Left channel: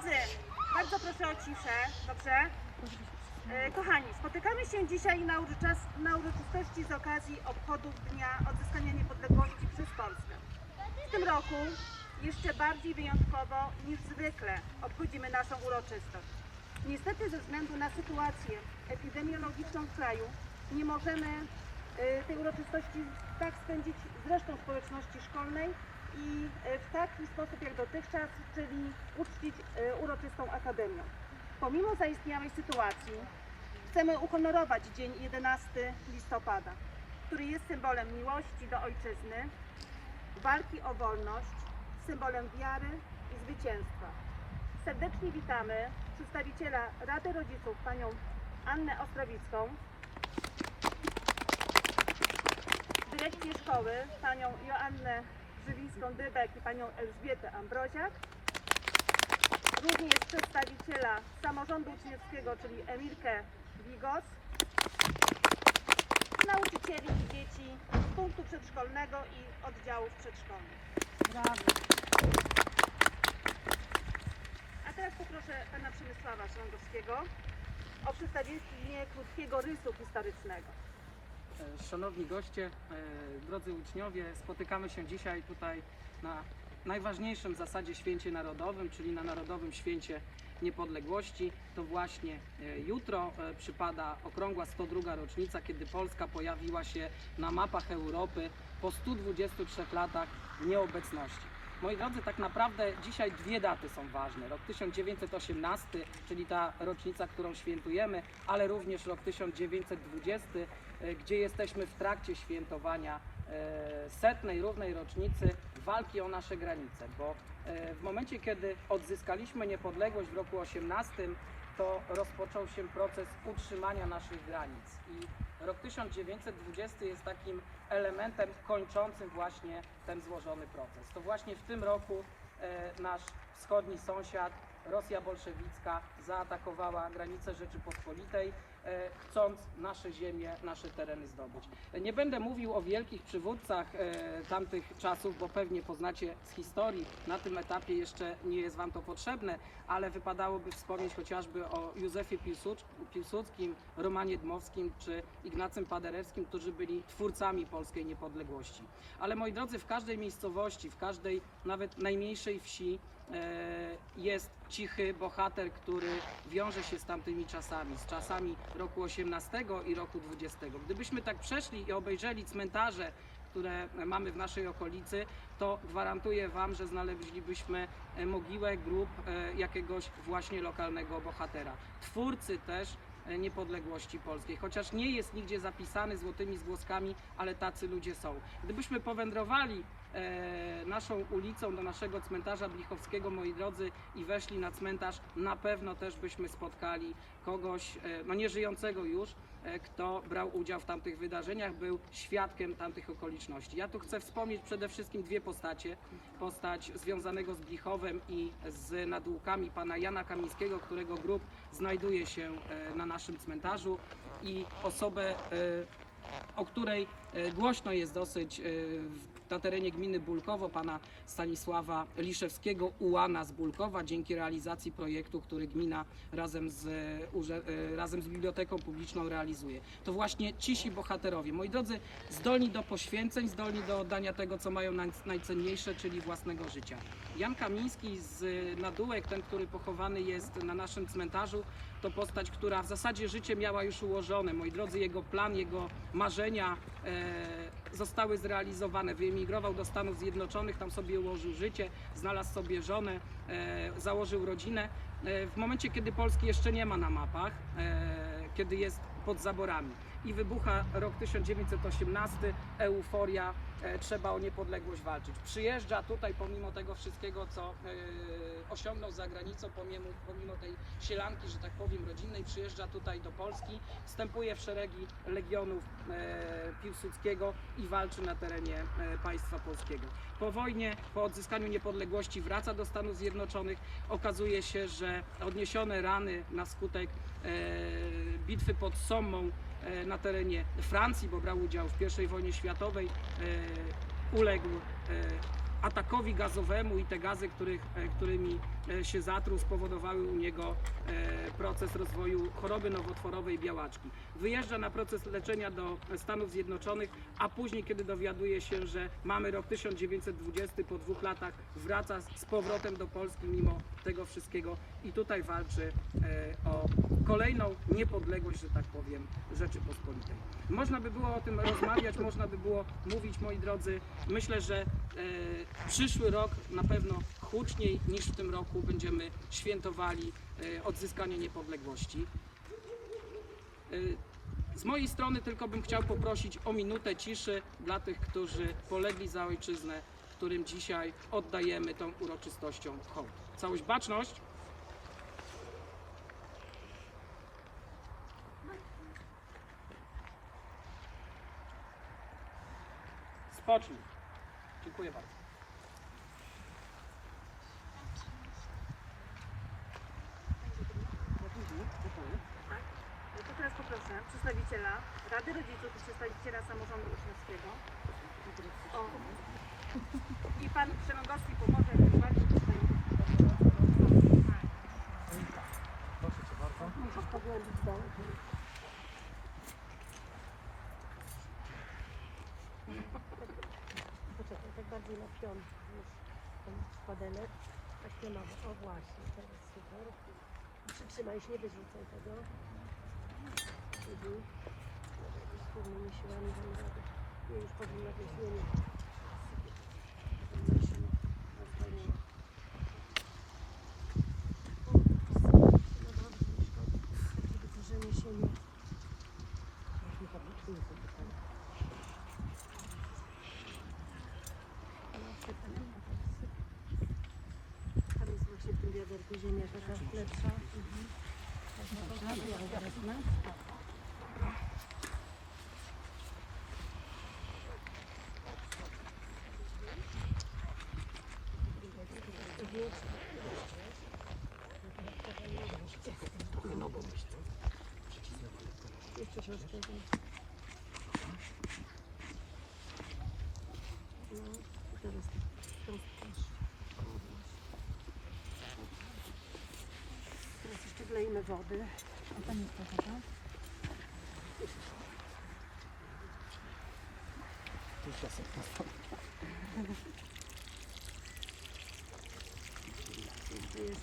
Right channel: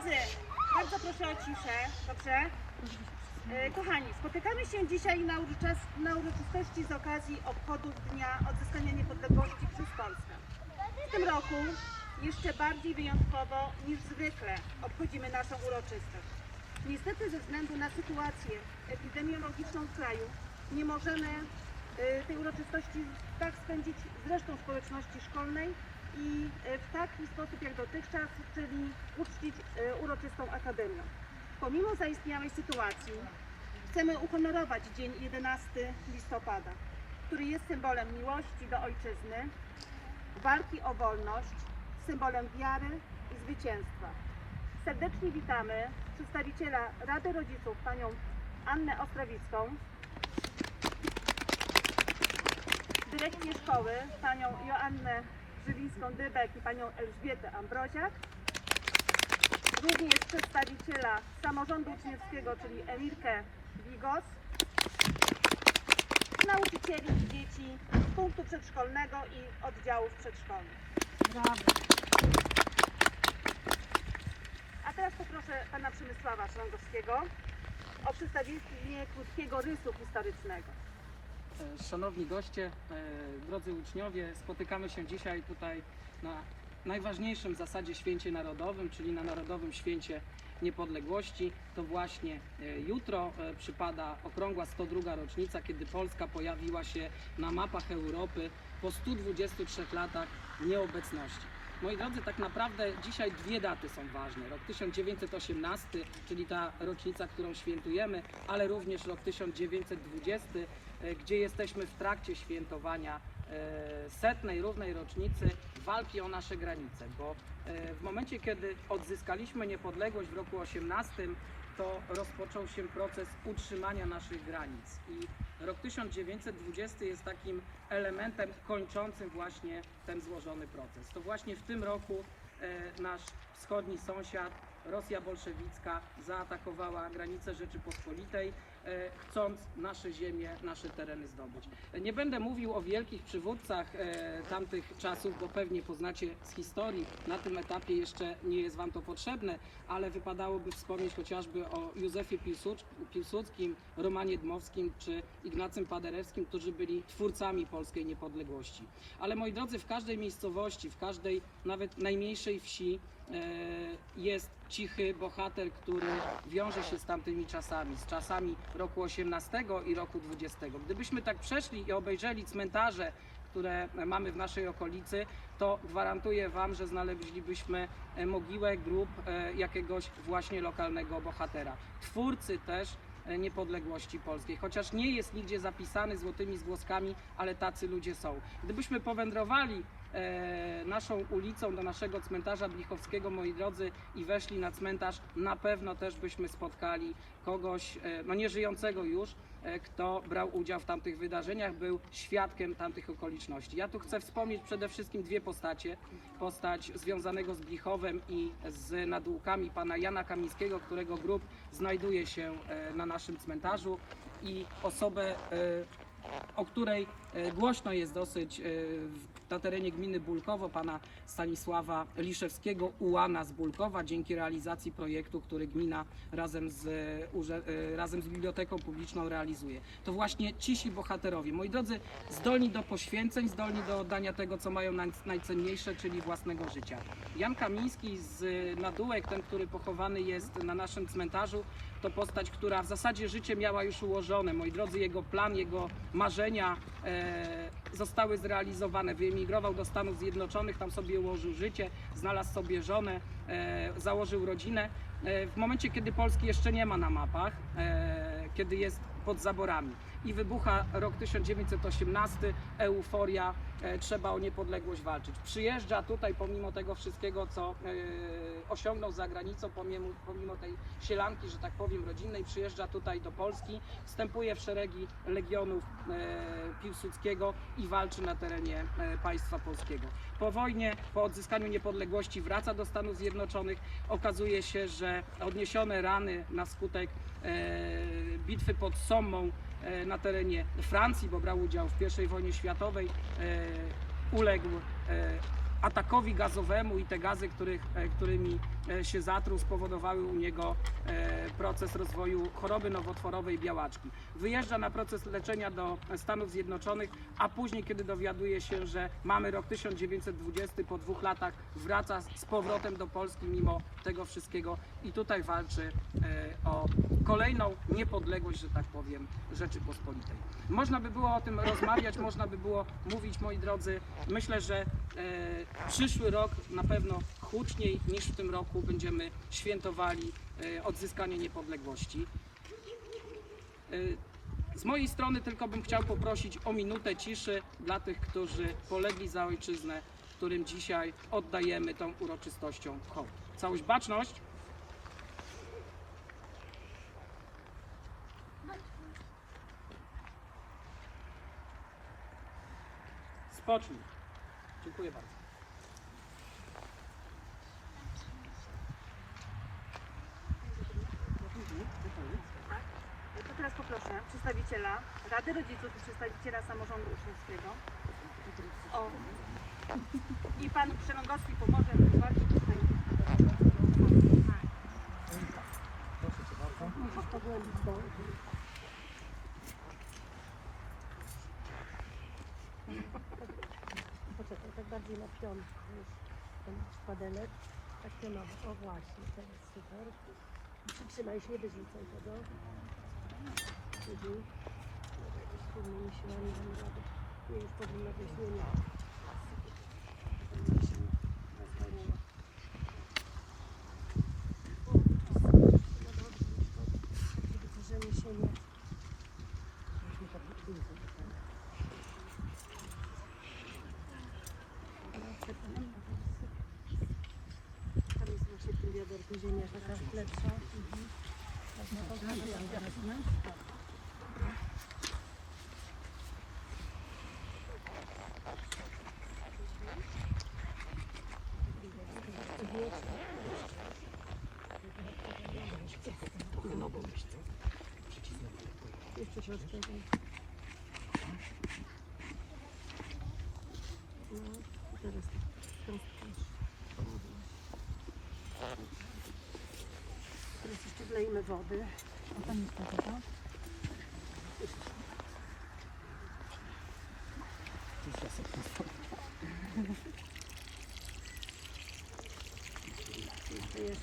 drodzy, bardzo proszę o ciszę, dobrze? E, Kochani, spotykamy się dzisiaj na, na uroczystości z okazji obchodów Dnia Odzyskania Niepodległości przez Polskę. W tym roku jeszcze bardziej wyjątkowo niż zwykle obchodzimy naszą uroczystość. Niestety ze względu na sytuację epidemiologiczną w kraju nie możemy e, tej uroczystości tak spędzić z resztą społeczności szkolnej i e, w taki sposób jak dotychczas, czyli uczcić e, uroczystą akademią. Pomimo zaistniałej sytuacji chcemy uhonorować dzień 11 listopada, który jest symbolem miłości do ojczyzny, walki o wolność, symbolem wiary i zwycięstwa. Serdecznie witamy przedstawiciela Rady Rodziców, panią Annę Ostrowicką, dyrekcję szkoły, panią Joannę Żywińską-Dybek i panią Elżbietę Ambroziak, również przedstawiciela samorządu uczniowskiego, czyli Emilkę Wigos, nauczycieli i dzieci z punktu przedszkolnego i oddziałów przedszkolnych. A teraz poproszę pana Przemysława Szrągowskiego o przedstawienie krótkiego rysu historycznego. Szanowni goście, e, drodzy uczniowie, spotykamy się dzisiaj tutaj na najważniejszym zasadzie święcie narodowym, czyli na Narodowym Święcie Niepodległości. To właśnie e, jutro e, przypada okrągła 102 rocznica, kiedy Polska pojawiła się na mapach Europy po 123 latach nieobecności. Moi drodzy, tak naprawdę dzisiaj dwie daty są ważne. Rok 1918, czyli ta rocznica, którą świętujemy, ale również rok 1920, e, gdzie jesteśmy w trakcie świętowania e, setnej równej rocznicy walki o nasze granice, bo e, w momencie, kiedy odzyskaliśmy niepodległość w roku 18, to rozpoczął się proces utrzymania naszych granic i rok 1920 jest takim elementem kończącym właśnie ten złożony proces. To właśnie w tym roku e, nasz wschodni sąsiad, Rosja bolszewicka, zaatakowała granice Rzeczypospolitej, chcąc nasze ziemie, nasze tereny zdobyć. Nie będę mówił o wielkich przywódcach e, tamtych czasów, bo pewnie poznacie z historii. Na tym etapie jeszcze nie jest Wam to potrzebne, ale wypadałoby wspomnieć chociażby o Józefie Piłsudskim, Romanie Dmowskim czy Ignacym Paderewskim, którzy byli twórcami polskiej niepodległości. Ale moi drodzy, w każdej miejscowości, w każdej nawet najmniejszej wsi e, jest cichy bohater, który wiąże się z tamtymi czasami, z czasami roku 18 i roku 20. Gdybyśmy tak przeszli i obejrzeli cmentarze, które mamy w naszej okolicy, to gwarantuję Wam, że znaleźlibyśmy e, mogiłę, grób e, jakiegoś właśnie lokalnego bohatera. Twórcy też e, niepodległości polskiej, chociaż nie jest nigdzie zapisany złotymi zgłoskami, ale tacy ludzie są. Gdybyśmy powędrowali e, naszą ulicą do naszego cmentarza Blichowskiego, moi drodzy, i weszli na cmentarz, na pewno też byśmy spotkali kogoś, e, no nieżyjącego już, e, kto brał udział w tamtych wydarzeniach, był świadkiem tamtych okoliczności. Ja tu chcę wspomnieć przede wszystkim dwie postacie. Postać związanego z Blichowem i z nadłukami pana Jana Kamińskiego, którego grób znajduje się e, na naszym cmentarzu i osobę, e, o której e, głośno jest dosyć e, w- na terenie gminy Bulkowo, pana Stanisława Liszewskiego, ułana z Bulkowa, dzięki realizacji projektu, który gmina razem z, e, e, razem z Biblioteką Publiczną realizuje. To właśnie cisi bohaterowie. Moi drodzy, zdolni do poświęceń, zdolni do oddania tego, co mają naj- najcenniejsze, czyli własnego życia. Jan Kamiński z Nadółek, ten, który pochowany jest na naszym cmentarzu, to postać, która w zasadzie życie miała już ułożone. Moi drodzy, jego plan, jego marzenia e, zostały zrealizowane. Wyemigrował do Stanów Zjednoczonych, tam sobie ułożył życie, znalazł sobie żonę, e, założył rodzinę. E, w momencie, kiedy Polski jeszcze nie ma na mapach, e, kiedy jest pod zaborami i wybucha rok 1918, euforia, trzeba o niepodległość walczyć. Przyjeżdża tutaj pomimo tego wszystkiego, co osiągnął za granicą, pomimo, pomimo tej sielanki, że tak powiem, rodzinnej, przyjeżdża tutaj do Polski, wstępuje w szeregi legionów e, Piłsudskiego i walczy na terenie e, państwa polskiego. Po wojnie, po odzyskaniu niepodległości wraca do Stanów Zjednoczonych. Okazuje się, że odniesione rany na skutek e, bitwy pod Sommą e, na terenie Francji, bo brał udział w I wojnie światowej, e, uległ e, atakowi gazowemu i te gazy, których, e, którymi się zatruł, spowodowały u niego e, proces rozwoju choroby nowotworowej białaczki. Wyjeżdża na proces leczenia do Stanów Zjednoczonych, a później, kiedy dowiaduje się, że mamy rok 1920, po dwóch latach wraca z powrotem do Polski mimo tego wszystkiego i tutaj walczy e, o kolejną niepodległość, że tak powiem, Rzeczypospolitej. Można by było o tym rozmawiać, można by było mówić, moi drodzy. Myślę, że e, przyszły rok na pewno huczniej niż w tym roku będziemy świętowali e, odzyskanie niepodległości. E, z mojej strony tylko bym chciał poprosić o minutę ciszy dla tych, którzy polegli za ojczyznę, którym dzisiaj oddajemy tą uroczystością hołd. Całość baczność. Spocznij. Dziękuję bardzo. Poproszę przedstawiciela Rady Rodziców i przedstawiciela samorządu uczniowskiego. O. I pan Przerągowski pomoże bardziej Proszę Cię bardzo. Musisz pogłębić. Poczekaj, tak bardziej na pion niż ten szpadelek. Tak pionowo. O właśnie, to jest super. Przytrzymaj się, nie wyrzucaj tego. Mhm. Może jakoś wspólnymi siłami damy radę. Nie, już powinno być, nie, nie. Powinno się nie rozwaliło. O, dobrze, nie szkodzi. Żeby korzenie się nie... Sypę. Tam jest właśnie w tym wiaderku ziemia taka lepsza. Mhm. Można to zrobić teraz, nie? Jeszcze troszkę. No, i teraz tak. Teraz też. O, właśnie. Teraz jeszcze wlejmy wody. A tam jest woda, tak? Jeszcze jest.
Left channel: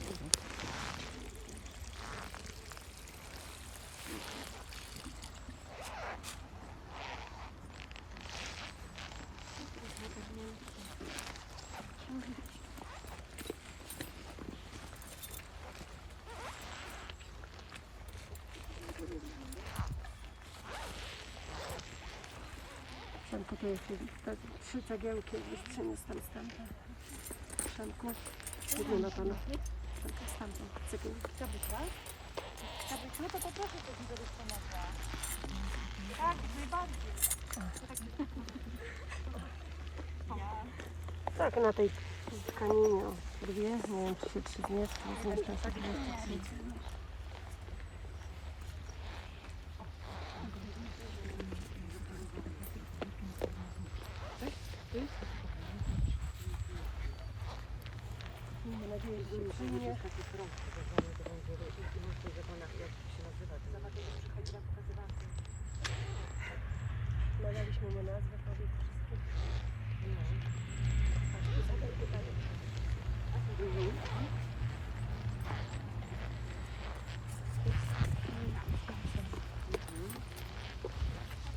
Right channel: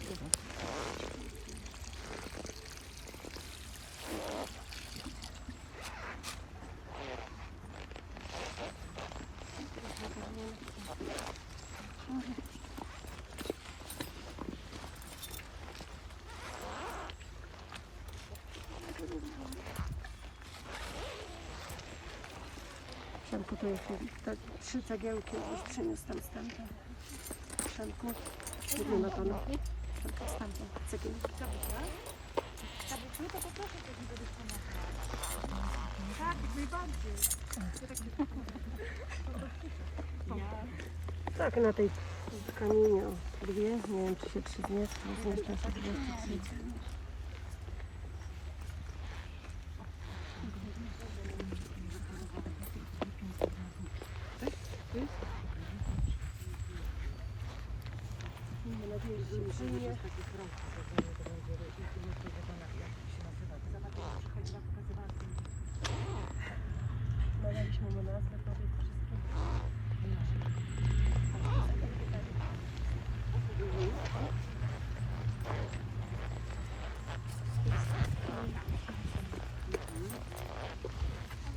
To jest te trzy cegiełki, już przyniósł tam stamtąd. Przemku, nie ma pana. Przemku, stamtąd cegiełki. Tak, na tej tkaninie, dwie, nie wiem, czy trzy zmierzch, zmieszczą się dwie.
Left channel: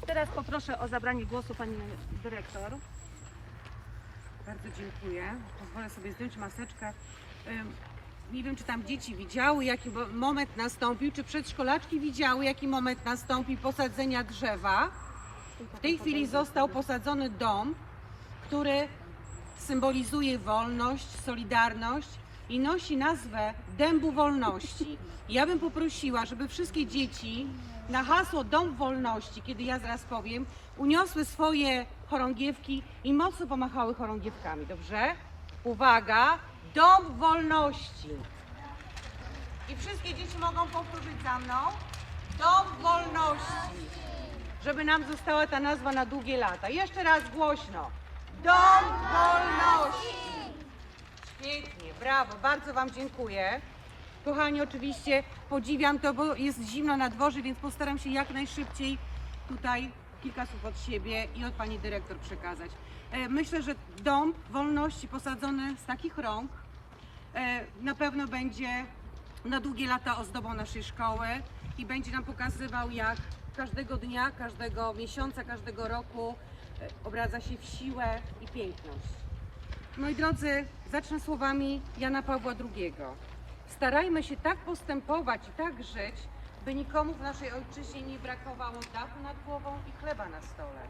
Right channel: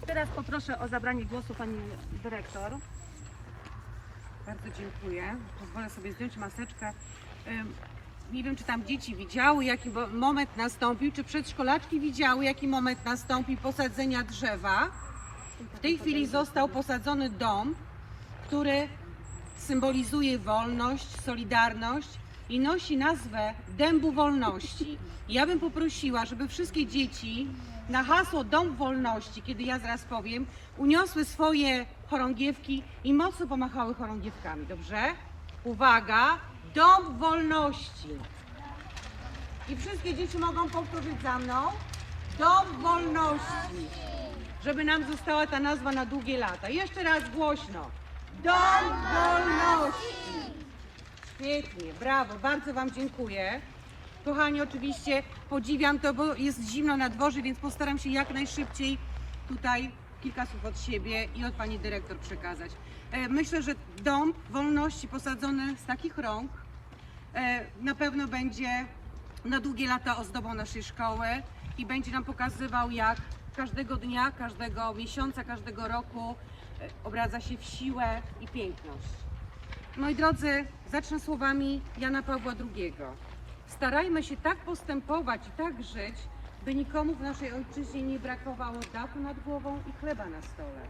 Teraz poproszę o zabranie głosu pani dyrektor. Bardzo dziękuję. Pozwolę sobie zdjąć maseczkę. Nie wiem, czy tam dzieci widziały, jaki moment nastąpił, czy przedszkolaczki widziały, jaki moment nastąpił posadzenia drzewa. W tej chwili został posadzony dom, który symbolizuje wolność, solidarność i nosi nazwę Dębu Wolności. Ja bym poprosiła, żeby wszystkie dzieci na hasło Dom Wolności, kiedy ja zaraz powiem, uniosły swoje chorągiewki i mocno pomachały chorągiewkami, dobrze? Uwaga, Dom Wolności. I wszystkie dzieci mogą powtórzyć za mną. Dom Wolności. Żeby nam została ta nazwa na długie lata. Jeszcze raz głośno. Dom Wolności. Pięknie, brawo, bardzo Wam dziękuję. Kochani, oczywiście podziwiam to, bo jest zimno na dworze, więc postaram się jak najszybciej tutaj kilka słów od siebie i od Pani Dyrektor przekazać. E, Myślę, że dom wolności posadzony z takich rąk e, na pewno będzie na długie lata ozdobą naszej szkoły i będzie nam pokazywał, jak każdego dnia, każdego miesiąca, każdego roku e, obradza się w siłę i piękność. Moi drodzy, zacznę słowami Jana Pawła II. Starajmy się tak postępować i tak żyć, by nikomu w naszej ojczyźnie nie brakowało dachu nad głową i chleba na stole.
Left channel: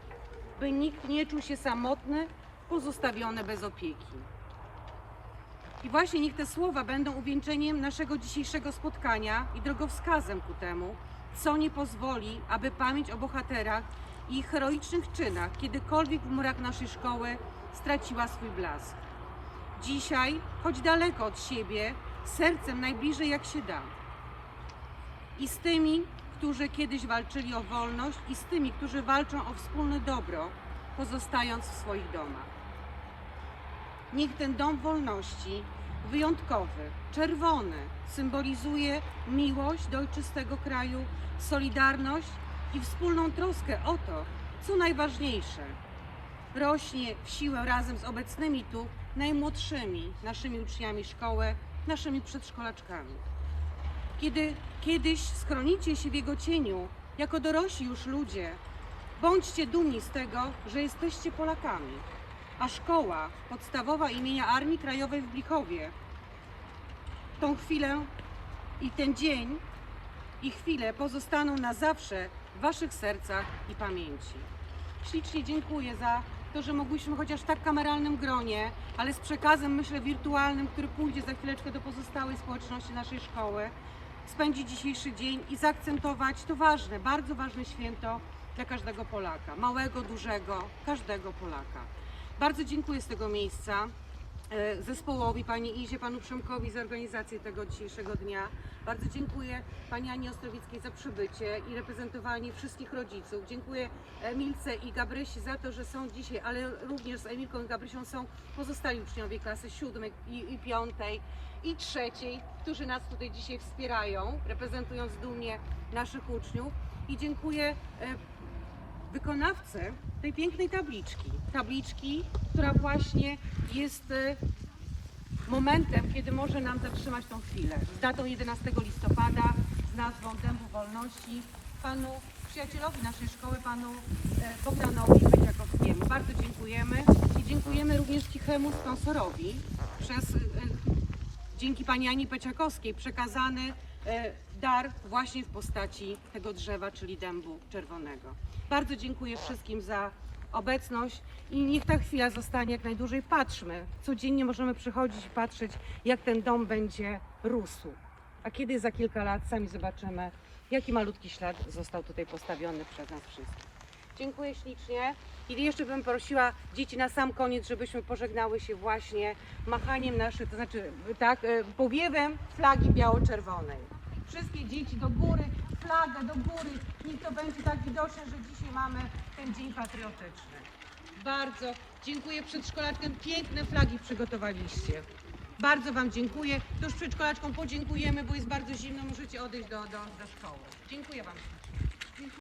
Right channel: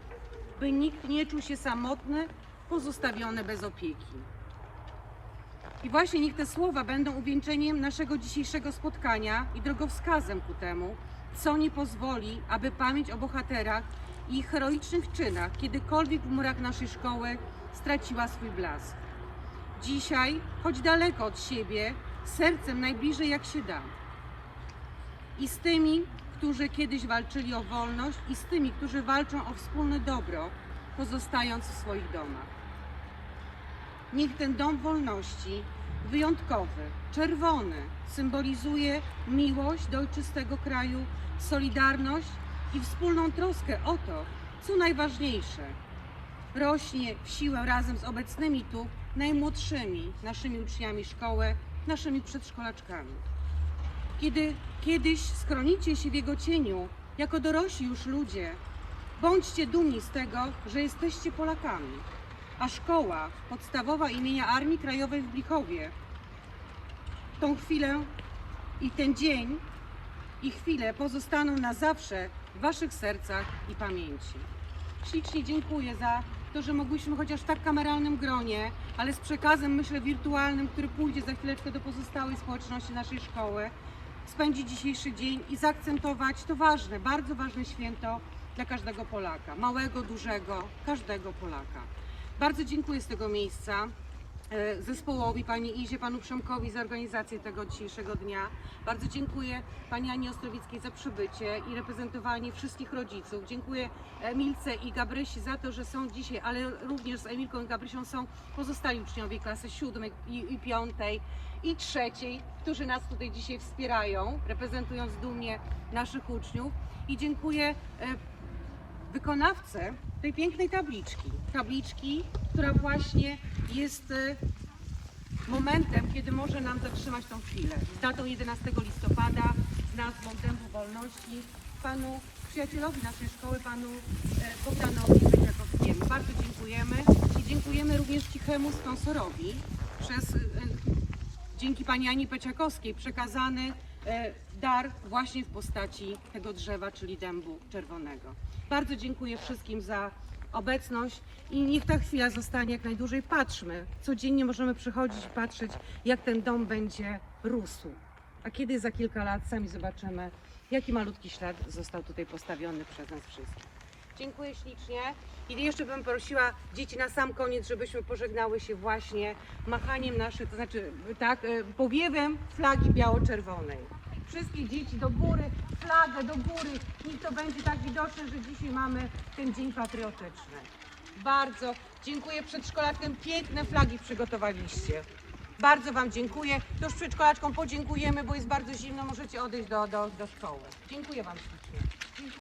By nikt nie czuł się samotny, pozostawiony bez opieki. I właśnie niech te słowa będą uwieńczeniem naszego dzisiejszego spotkania i drogowskazem ku temu, co nie pozwoli, aby pamięć o bohaterach i ich heroicznych czynach kiedykolwiek w murach naszej szkoły straciła swój blask. Dzisiaj, choć daleko od siebie, sercem najbliżej jak się da. I z tymi, którzy kiedyś walczyli o wolność, i z tymi, którzy walczą o wspólne dobro, pozostając w swoich domach. Niech ten dom wolności, wyjątkowy, czerwony, symbolizuje miłość do ojczystego kraju, solidarność i wspólną troskę o to, co najważniejsze. Rośnie w siłę razem z obecnymi tu najmłodszymi naszymi uczniami szkoły, naszymi przedszkolaczkami. Kiedy kiedyś schronicie się w jego cieniu, jako dorośli już ludzie, bądźcie dumni z tego, że jesteście Polakami a szkoła podstawowa imienia Armii Krajowej w Blichowie tą chwilę i ten dzień i chwilę pozostaną na zawsze w Waszych sercach i pamięci. Ślicznie dziękuję za to, że mogłyśmy chociaż w tak kameralnym gronie, ale z przekazem, myślę, wirtualnym, który pójdzie za chwileczkę do pozostałej społeczności naszej szkoły, spędzić dzisiejszy dzień i zaakcentować to ważne, bardzo ważne święto dla każdego Polaka, małego, dużego, każdego Polaka. Bardzo dziękuję z tego miejsca zespołowi, pani Izie, panu Przemkowi za organizację tego dzisiejszego dnia. Bardzo dziękuję pani Ani Ostrowieckiej za przybycie i reprezentowanie wszystkich rodziców. Dziękuję Emilce i Gabrysi za to, że są dzisiaj, ale również z Emilką i Gabrysią są pozostali uczniowie klasy siódmej i, i piątej i trzeciej, którzy nas tutaj dzisiaj wspierają, reprezentując dumnie naszych uczniów. I dziękuję e, wykonawcę tej pięknej tabliczki. Tabliczki, która właśnie jest y, momentem, kiedy może nam zatrzymać tą chwilę. Z datą 11 listopada, z nazwą Dębu Wolności, panu przyjacielowi naszej szkoły, panu e, Bogdanowi Kwiatkowskiemu. Bardzo dziękujemy i dziękujemy również cichemu sponsorowi przez, e, dzięki pani Ani Peciakowskiej przekazany dar właśnie w postaci tego drzewa, czyli dębu czerwonego. Bardzo dziękuję wszystkim za obecność i niech ta chwila zostanie jak najdłużej. Patrzmy, codziennie możemy przychodzić i patrzeć, jak ten dom będzie rósł. A kiedy za kilka lat sami zobaczymy, jaki malutki ślad został tutaj postawiony przez nas wszystkich. Dziękuję ślicznie. I jeszcze bym prosiła dzieci na sam koniec, żebyśmy pożegnały się właśnie machaniem naszych, to znaczy tak, e, powiewem flagi biało-czerwonej. Wszystkie dzieci do góry, flagę do góry. Niech to będzie tak widoczne, że dzisiaj mamy ten dzień patriotyczny. Bardzo dziękuję przedszkolaczkom. Piękne flagi przygotowaliście. Bardzo Wam dziękuję. Już przedszkolaczkom podziękujemy, bo jest bardzo zimno. Możecie odejść do, do, do szkoły. Dziękuję Wam.